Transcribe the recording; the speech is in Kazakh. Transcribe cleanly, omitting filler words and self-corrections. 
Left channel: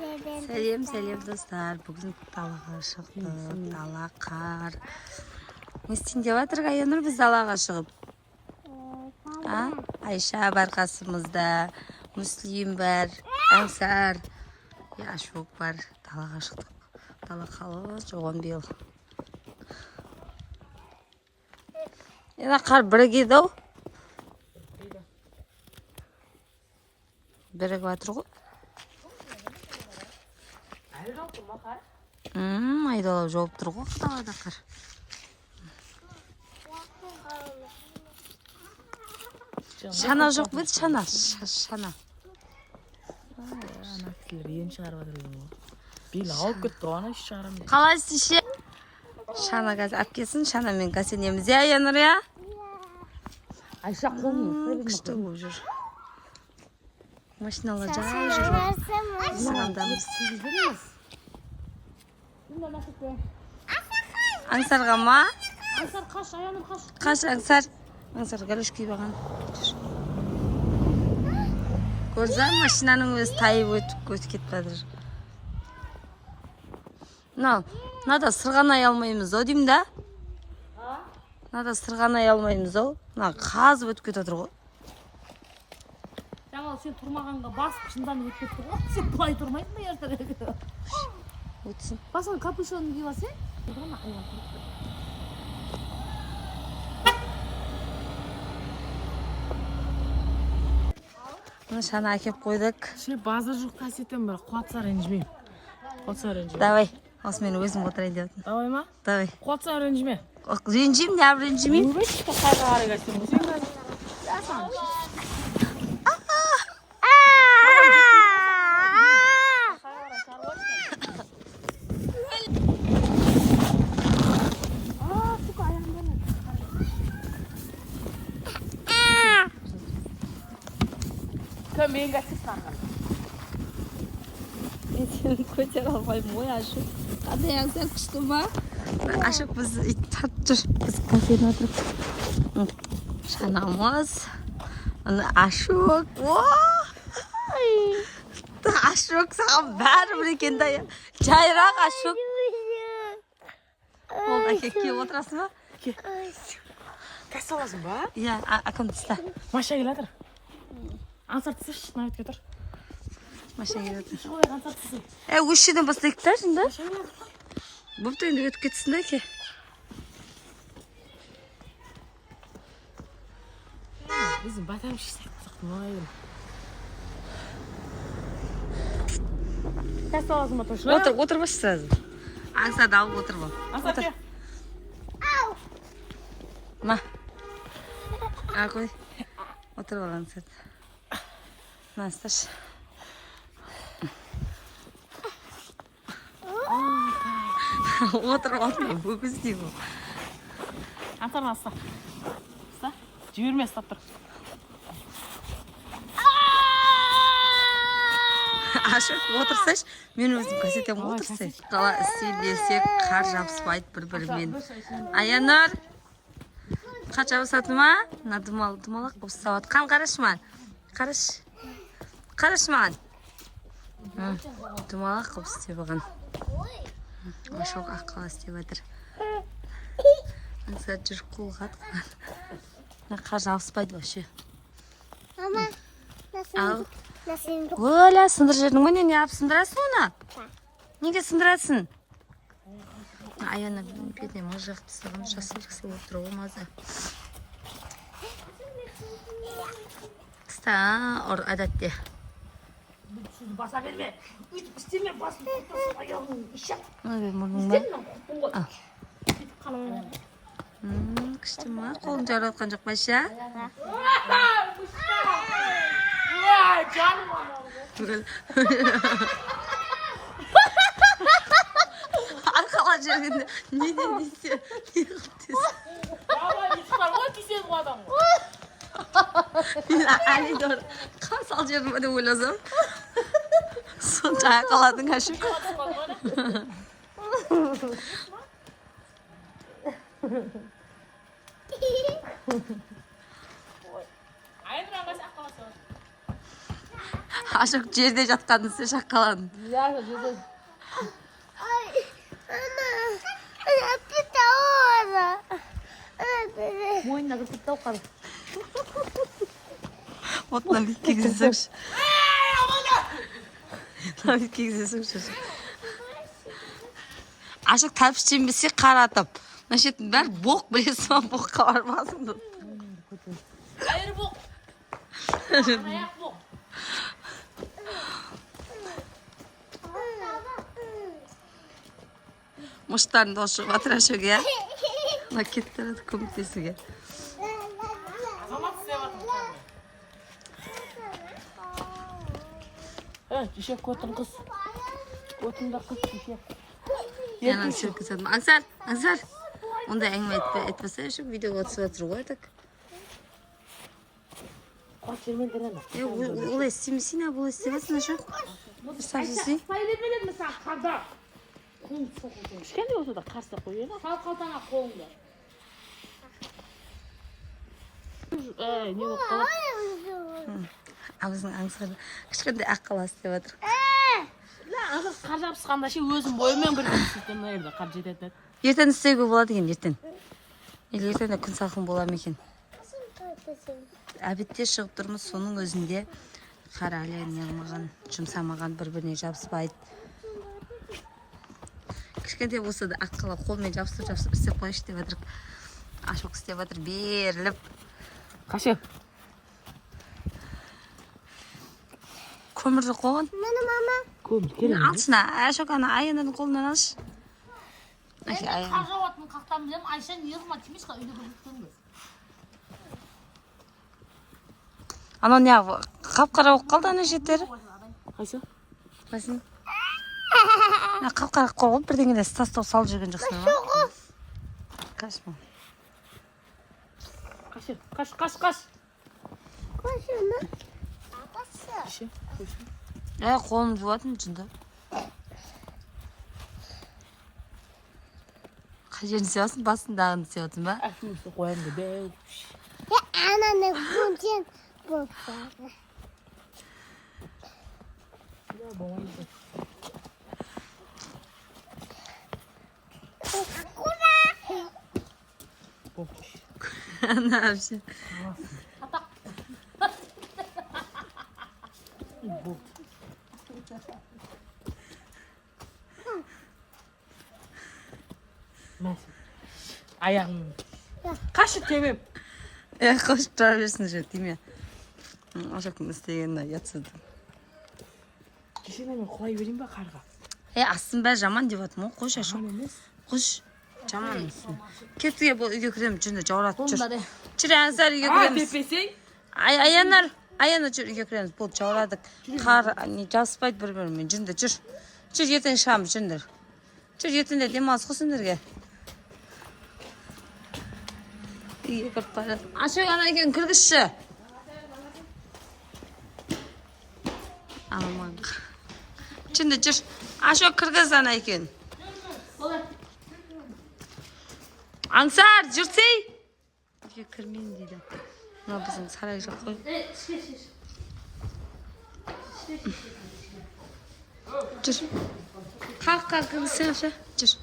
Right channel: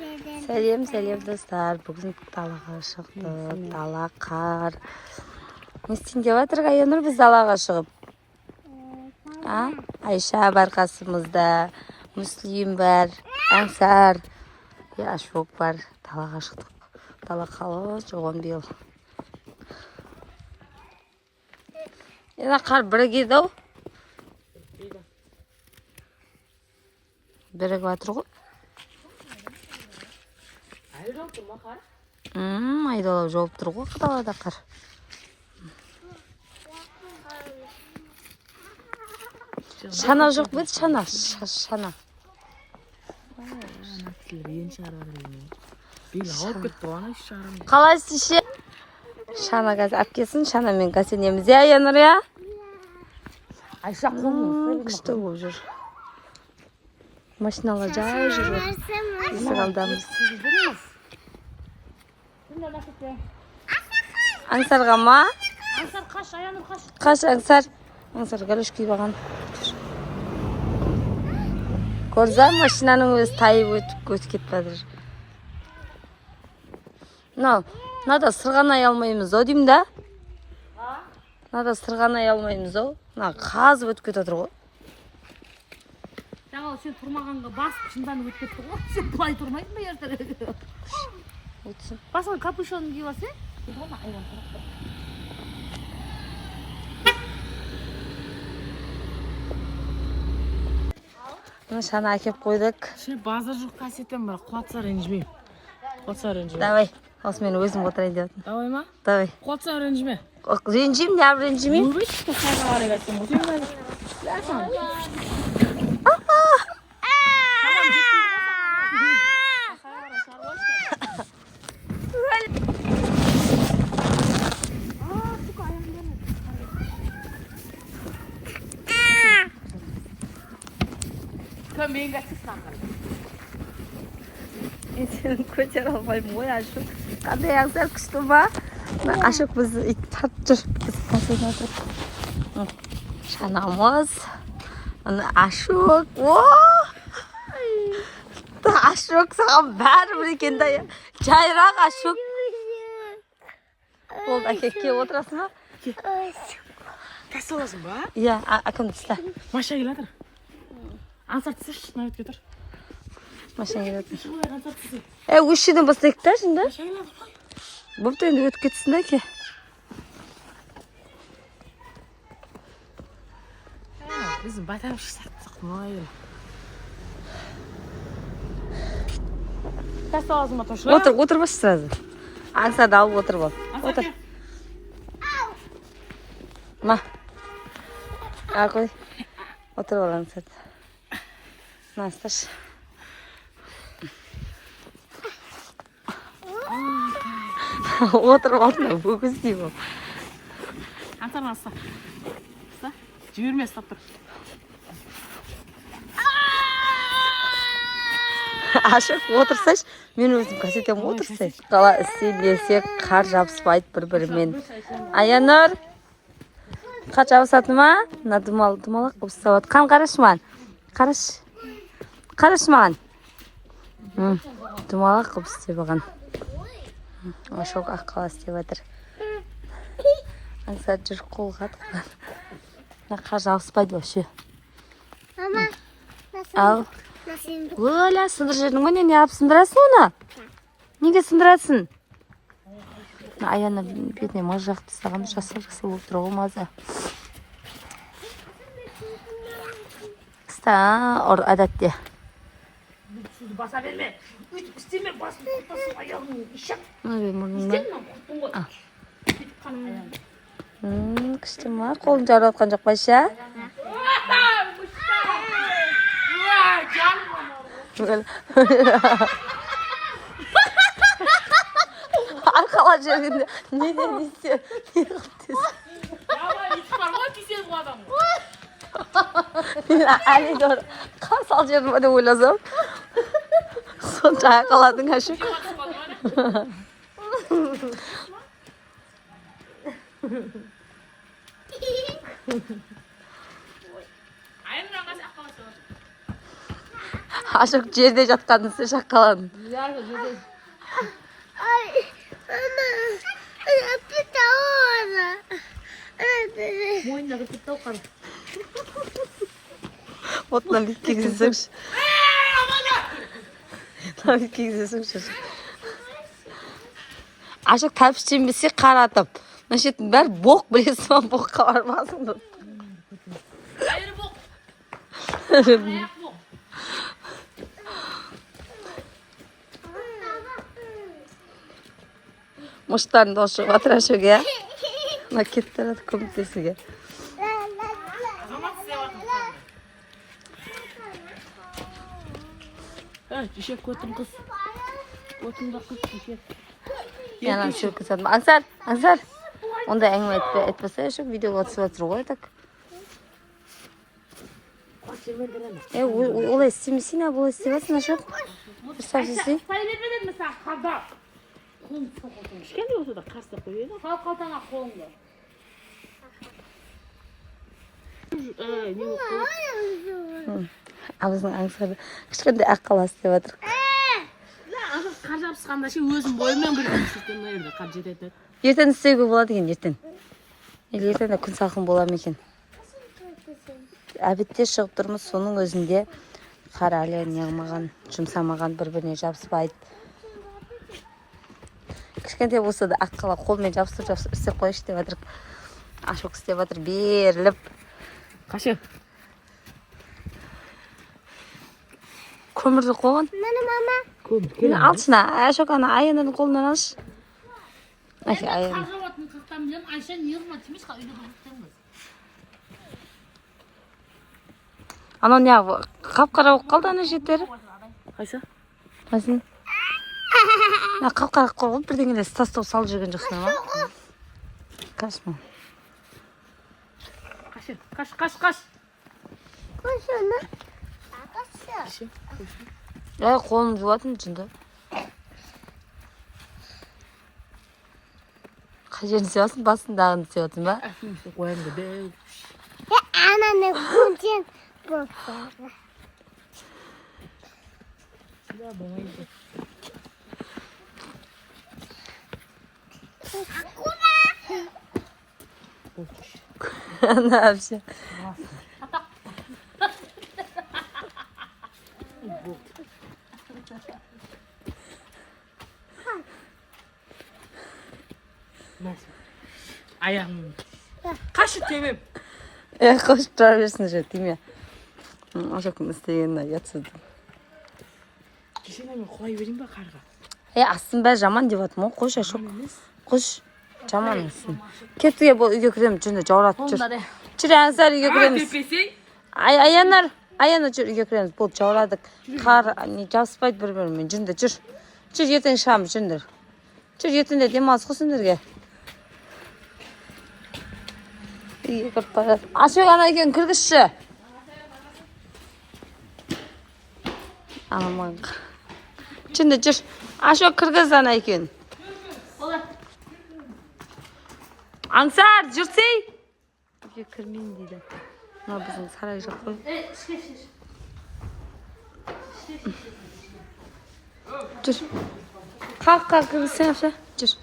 Сәлем достар. Бүгін далаға шықтық. Дала қар. Не істейін деп жатыр Аянұр біз далаға шығып? Айша бар қасымызда. Мүслим бар. Аңсар. Ашок бар. Далаға шықтық. Дала қалыс оған биыл. Ена қар бірігеді ау? Бірігіп жатыр ғой. Айдалап жауып тұр ғой далада қар. Шана жоқ бет, шана. Қалайсың ше? Шана газ әпкесін, шана мен кәсенеміз. Аянұр, я? Күшті болып жүр. Машиналар жай жүр. Есік алдамыз. Аңсарға ма? Қаш, Аңсар. Аңсар галош күйіп аған. Көрза, машинаның өз тайып өтіп кетіп бәдір. Нада сырғанай алмаймыз, о деймін да? Нада сырғанай алмаймыз, о? Қазып өтіп кетіп отыр ғой. Жаңа сен тұрмағанға басып шындан өтіп кетті ғой. Сен бұлай тұрмайдың ба ертең? Өтсін. Басыңа капюшонын киіп алсаң? Шана әкеп қойдық. Сен базар жоқ кәсеттен бір қуатса ренжімеймін. Давай, осы мен өзім отырайын деп жатырмын. Давай ма? Давай. Қуатса ренжіме. Ренжимін, не ренжімеймін? Өшті қайға қарай кәсеттен. Сені көтер алмаймын ғой, Ашық. Қандай Аңсар күшті ма? Ашық біз ит тап жүр. Біз бассейн отырып. Шанамыз. Ашық. Ашық саған бәрі бір екен да. Жайрақ Ашық. Болды, әкек келіп отырасың ба? Тәс аласың ба? Иә, әкім тұста. Маша келатыр. Аңсар түсірші, мына өтіп кетір. Машина келатыр. Аңсар түсір. Өз жерден бастайық та, жында? Бұпты енді өтіп кетсін да ке. Біздің батарып шықсақ мұнайын. Тәс аласың ба тұршы? Отыр башы сразу. Аңсарды алып отыр бол. Аңсар ке. Ма. Қой. Отыр бол Аңсарды. Насташ. Отырып алдына бөгіз дейм ол. Аңсар насса. Жіберме, ұстап тұр. Ашық отырсайш, мен өзім кәсетем отырсай. Қала істейлесек, қар жабыспайды бір-бірімен. Аянұр, қар жабысатын ма? Думалық ұстап отқан. Қараш маған. Қараш маған. Думалық қып істеп оған. Ашық аққала істеп отыр. Аңсар жүр қолға атқан. Қар жабыспайды вообще. Ал. Оля, сындыр жердің ма? Не ап сындырасың оны? Неге сындырасың? Аяны бетіне маз жақты саған жасыл отыры олмазы. Қыста, әдәтте. Баса берме. Үйтіп істеме, басын тұтасын, аяғын ұшақ. Мұрның ба? Күшті ма? Қолын жарып атқан жоқ Байша? Арқала жергенде не десе, не қылтесін? Мен әлі дұр қасал жерім өде ойласам. Сонша арқаладың Ашық. Aşık жерде жатқаныңызды шаққаладың. Ay, ana pita ora. Мойнына кіріп тауып қалды. Отынан бит кигізсеңші. Бит кигізсеңші. Ашық тәпіш жембесе қаратып. Мына шеттің бәрі боқ білесің ба, боққа бармасыңды. Айыр боқ. Аяқ боқ. Мұштарын да шығып атыр әшөге. Мына кетті әрі көмектесуге. Азамат істеп атыр қанды. Düşek көтін қыз. Көтін да қыз düşek. Яна шөкі садым. Аңсар. Онда әңгіме етпесе әшік видеоға түсіп атыр ғой так. Қорт жермен дірені. Олай істемесін ә, болай істемесін әшік. Дұрсап жесін. Қыстай бермеден ме саған қарда? Кішкенде болса да қарсы қойып еді. Сал қалтаңа қолыңды. Не болып қалады? Абызың аңсарды кішкенде аққаласы деп атыр. Қар жабысқанда ше өзім бойыммен білдім сөйтем енді қар жететін. Ертең істеуге болады екен, ертең. Ертең де күн салқын болар ма екен. Әбетте шығып тұрмыз, соның өзінде қар әлі неғылмаған, жұмсамаған, бір-біріне жабыспайды. Кішкенте болса да аққала қолмен жабыстырып істеп қойшы деп жатыр. Ашық істеп жатыр, беріліп. Қашы? Көмірді қойған. Көмір келе. Алшына, Ашық ана Аянның қолынан алшы. Аян. Қарға батын қақтан білем, Айша неғылма тимешқа үйде біліктенбіз. Ана не қап-қара болып қалды ана жеттері. Қайсы? Қайсын? Қап-қара қойған бірдеңелер тастау салып жүрген жоқсың ма? Қашма. Қашы? Қаш. Koşunu. Қашы? Қойшы. Қолым жуатын жында. Қай жерін севасың? Басындағын севатын ба? Әкімісі қойыңды бәу. Ananı kucun bulsun. Сюда болмайды. Ана вообще. Аяғым. Қашы темем. Қошып тұра берсін же, тиме. Ашақым істегеніне ятсыды. Кешене мен құлай берейін ба қарға? Астын бәрі жаман деп атым ғой, қош Ашық. Қош, жаман астын. Кеттіге бұл үйге кіреміз, жүнді жауратып жүр. Жүр, Ансар үйге кіреміз. Аянар жүр, үйге кіреміз. Бұл жаурадық. Қар жабыспайды бір-бірімен, жүнді жүр. Жүр, ертең шығамыз, жүндір. Жүр, ертеңде демалыс қосындырге. Ашық ана екен кіргізші. Аман. Жүнді жүр. Ашық кіргіз ана екен. Аңсар, жүрсей. Үйге кірмейін дейді. Мына біздің сарай жақ қой. Жүр. Қалқа кіргізсен, жүр.